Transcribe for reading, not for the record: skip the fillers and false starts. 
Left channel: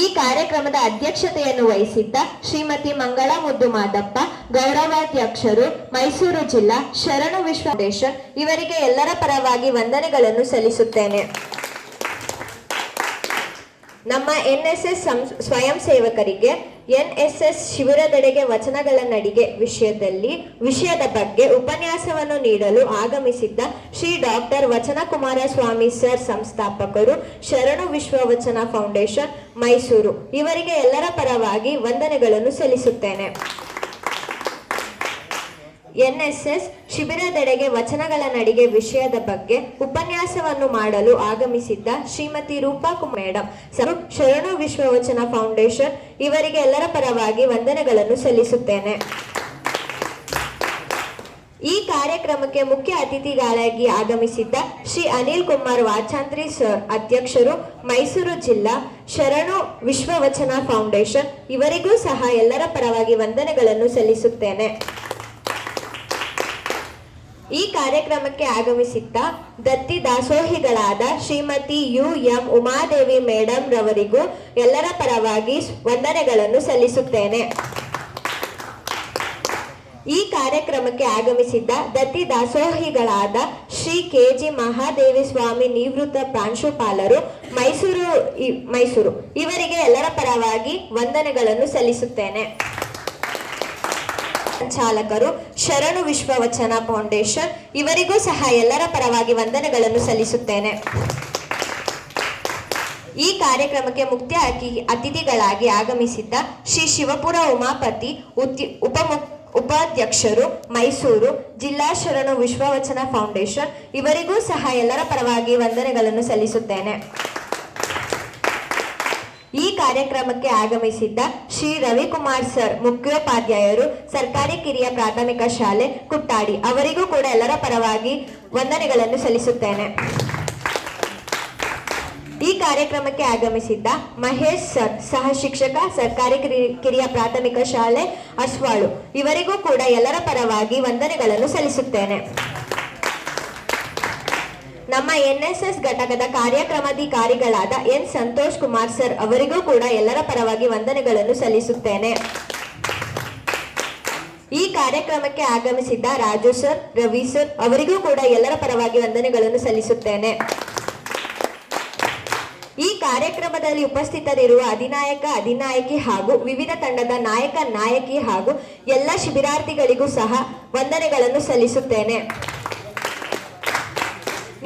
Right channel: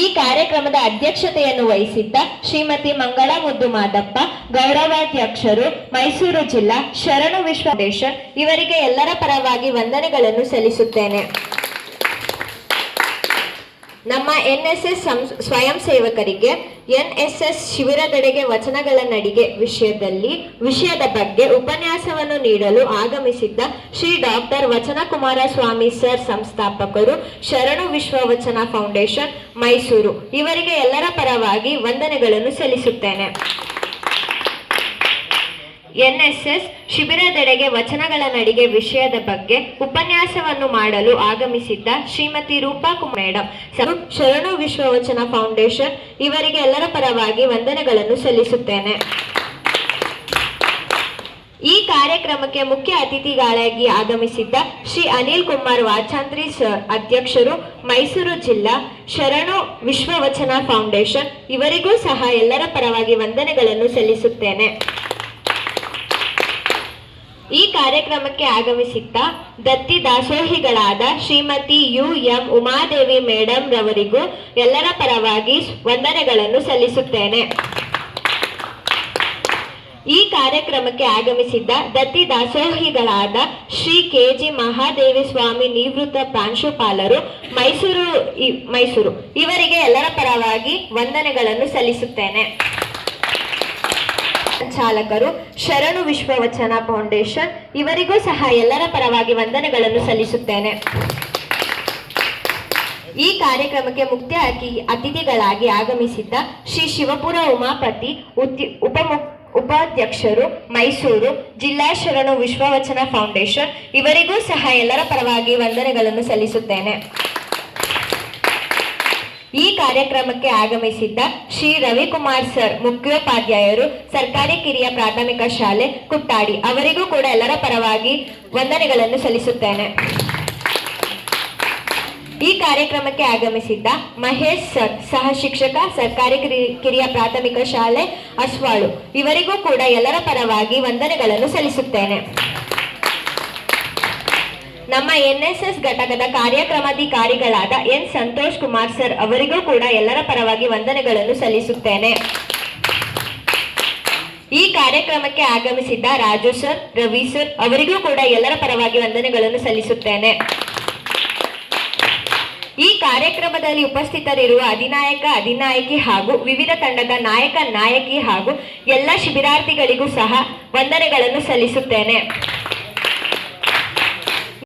ಈ ಕಾರ್ಯಕ್ರಮದ ಅಧ್ಯಕ್ಷತೆಯನ್ನು ವಹಿಸಿದ್ದ ಶ್ರೀಮತಿ ಮಂಗಳಾ ಮುದ್ದು ಮಾದಪ್ಪ, ಗೌರವಾಧ್ಯಕ್ಷರು, ಮೈಸೂರು ಜಿಲ್ಲಾ ಶರಣು ವಿಶ್ವ ಫೌಂಡೇಶನ್ ಇವರಿಗೆ ಎಲ್ಲರ ಪರವಾಗಿ ವಂದನೆಗಳನ್ನು ಸಲ್ಲಿಸುತ್ತೇನೆ. ನಮ್ಮ ಎನ್ಎಸ್ಎಸ್ ಸ್ವಯಂ ಸೇವಕರಿಗೆ ಎನ್ಎಸ್ಎಸ್ ಶಿಬಿರದೆಡೆಗೆ ವಚನಗಳ ನಡಿಗೆ ವಿಷಯದ ಬಗ್ಗೆ ಉಪನ್ಯಾಸವನ್ನು ನೀಡಲು ಆಗಮಿಸಿದ್ದ ಶ್ರೀ ಡಾಕ್ಟರ್ ವಚನಕುಮಾರ ಸ್ವಾಮಿ ಸರ್, ಸಂಸ್ಥಾಪಕರು, ಶರಣು ವಿಶ್ವ ವಚನ ಫೌಂಡೇಶನ್ ಮೈಸೂರು ಇವರಿಗೆ ಎಲ್ಲರ ಪರವಾಗಿ ವಂದನೆಗಳನ್ನು ಸಲ್ಲಿಸುತ್ತೇನೆ. ಎನ್ಎಸ್ಎಸ್ ಶಿಬಿರದೆಡೆಗೆ ವಚನಗಳ ನಡಿಗೆ ವಿಷಯದ ಬಗ್ಗೆ ಉಪನ್ಯಾಸವನ್ನು ಮಾಡಲು ಆಗಮಿಸಿದ್ದ ಶ್ರೀಮತಿ ರೂಪಾ ಮೇಡಂ, ಶರಣು ವಿಶ್ವ ವಚನ ಫೌಂಡೇಶನ್ ಇವರಿಗೆ ಎಲ್ಲರ ಪರವಾಗಿ ವಂದನೆಗಳನ್ನು ಸಲ್ಲಿಸುತ್ತೇನೆ. ಈ ಕಾರ್ಯಕ್ರಮಕ್ಕೆ ಮುಖ್ಯ ಅತಿಥಿಗಳಾಗಿ ಆಗಮಿಸಿದ್ದ ಶ್ರೀ ಅನಿಲ್ ಕುಮಾರ್ ವಾಚಾಂತ್ರಿ ಸರ್, ಅಧ್ಯಕ್ಷರು, ಮೈಸೂರು ಜಿಲ್ಲಾ ಶರಣು ವಿಶ್ವ ವಚನ ಫೌಂಡೇಶನ್ ಇವರಿಗೂ ಸಹ ಎಲ್ಲರ ಪರವಾಗಿ ವಂದನೆಗಳನ್ನು ಸಲ್ಲಿಸುತ್ತೇನೆ. ಈ ಕಾರ್ಯಕ್ರಮಕ್ಕೆ ಆಗಮಿಸಿದ್ದ ದತ್ತಿ ದಾಸೋಹಿಗಳಾದ ಶ್ರೀಮತಿ UM ಉಮಾದೇವಿ ಮೇಡಂ ರವರಿಗೂ ಎಲ್ಲರ ಪರವಾಗಿ ವಂದನೆಗಳನ್ನು ಸಲ್ಲಿಸುತ್ತೇನೆ. ಈ ಕಾರ್ಯಕ್ರಮಕ್ಕೆ ಆಗಮಿಸಿದ್ದ ದತ್ತಿ ದಾಸೋಹಿಗಳಾದ ಶ್ರೀ KG ಮಹಾದೇವಿ ಸ್ವಾಮಿ ನಿವೃತ್ತ ಪ್ರಾಂಶುಪಾಲರು, ಮೈಸೂರು ಇವರಿಗೆ ಎಲ್ಲರ ಪರವಾಗಿ ವಂದನೆಗಳನ್ನು ಸಲ್ಲಿಸುತ್ತೇನೆ. ಸಂಚಾಲಕರು, ಶರಣು ವಿಶ್ವ ವಚನ ಫೌಂಡೇಶನ್ ಇವರಿಗೂ ಸಹ ಎಲ್ಲರ ಪರವಾಗಿ ವಂದನೆಗಳನ್ನು ಸಲ್ಲಿಸುತ್ತೇನೆ. ಈ ಕಾರ್ಯಕ್ರಮಕ್ಕೆ ಮುಖ್ಯ ಅತಿಥಿಗಳಾಗಿ ಆಗಮಿಸಿದ್ದ ಶ್ರೀ ಶಿವಪುರ ಉಮಾಪತಿ, ಉಪಾಧ್ಯಕ್ಷರು, ಮೈಸೂರು ಜಿಲ್ಲಾ ಶರಣು ವಿಶ್ವ ವಚನ ಫೌಂಡೇಶನ್ ಇವರಿಗೂ ಸಹ ಎಲ್ಲರ ಪರವಾಗಿ ವಂದನೆಗಳನ್ನು ಸಲ್ಲಿಸುತ್ತೇನೆ. ಈ ಕಾರ್ಯಕ್ರಮಕ್ಕೆ ಆಗಮಿಸಿದ್ದ ಶ್ರೀ ರವಿಕುಮಾರ್ ಸರ್, ಮುಖ್ಯೋಪಾಧ್ಯಾಯರು, ಸರ್ಕಾರಿ ಕಿರಿಯ ಪ್ರಾಥಮಿಕ ಶಾಲೆ ಕುಟ್ಟಾಡಿ ಅವರಿಗೂ ಕೂಡ ಎಲ್ಲರ ಪರವಾಗಿ ವಂದನೆಗಳನ್ನು ಸಲ್ಲಿಸುತ್ತೇನೆ. ಈ ಕಾರ್ಯಕ್ರಮಕ್ಕೆ ಆಗಮಿಸಿದ್ದ ಮಹೇಶ್ ಸರ್, ಸಹ ಶಿಕ್ಷಕ, ಸರ್ಕಾರಿ ಕಿರಿಯ ಪ್ರಾಥಮಿಕ ಶಾಲೆ ಅಸ್ವಾಳು ಇವರಿಗೂ ಕೂಡ ಎಲ್ಲರ ಪರವಾಗಿ ವಂದನೆಗಳನ್ನು ಸಲ್ಲಿಸುತ್ತೇನೆ. ನಮ್ಮ ಎನ್ಎಸ್ಎಸ್ ಘಟಕದ ಕಾರ್ಯಕ್ರಮಾಧಿಕಾರಿಗಳಾದ N ಸಂತೋಷ್ ಕುಮಾರ್ ಸರ್ ಅವರಿಗೂ ಕೂಡ ಎಲ್ಲರ ಪರವಾಗಿ ವಂದನೆಗಳನ್ನು ಸಲ್ಲಿಸುತ್ತೇನೆ. ಈ ಕಾರ್ಯಕ್ರಮಕ್ಕೆ ಆಗಮಿಸಿದ್ದ ರಾಜು ಸರ್, ರವಿ ಸರ್ ಅವರಿಗೂ ಕೂಡ ಎಲ್ಲರ ಪರವಾಗಿ ವಂದನೆಗಳನ್ನು ಸಲ್ಲಿಸುತ್ತೇನೆ. ಈ ಕಾರ್ಯಕ್ರಮದಲ್ಲಿ ಉಪಸ್ಥಿತರಿರುವ ಅಧಿನಾಯಕಿ ಹಾಗೂ ವಿವಿಧ ತಂಡದ ನಾಯಕಿ ಹಾಗೂ ಎಲ್ಲ ಶಿಬಿರಾರ್ಥಿಗಳಿಗೂ ಸಹ ವಂದನೆಗಳನ್ನು ಸಲ್ಲಿಸುತ್ತೇನೆ.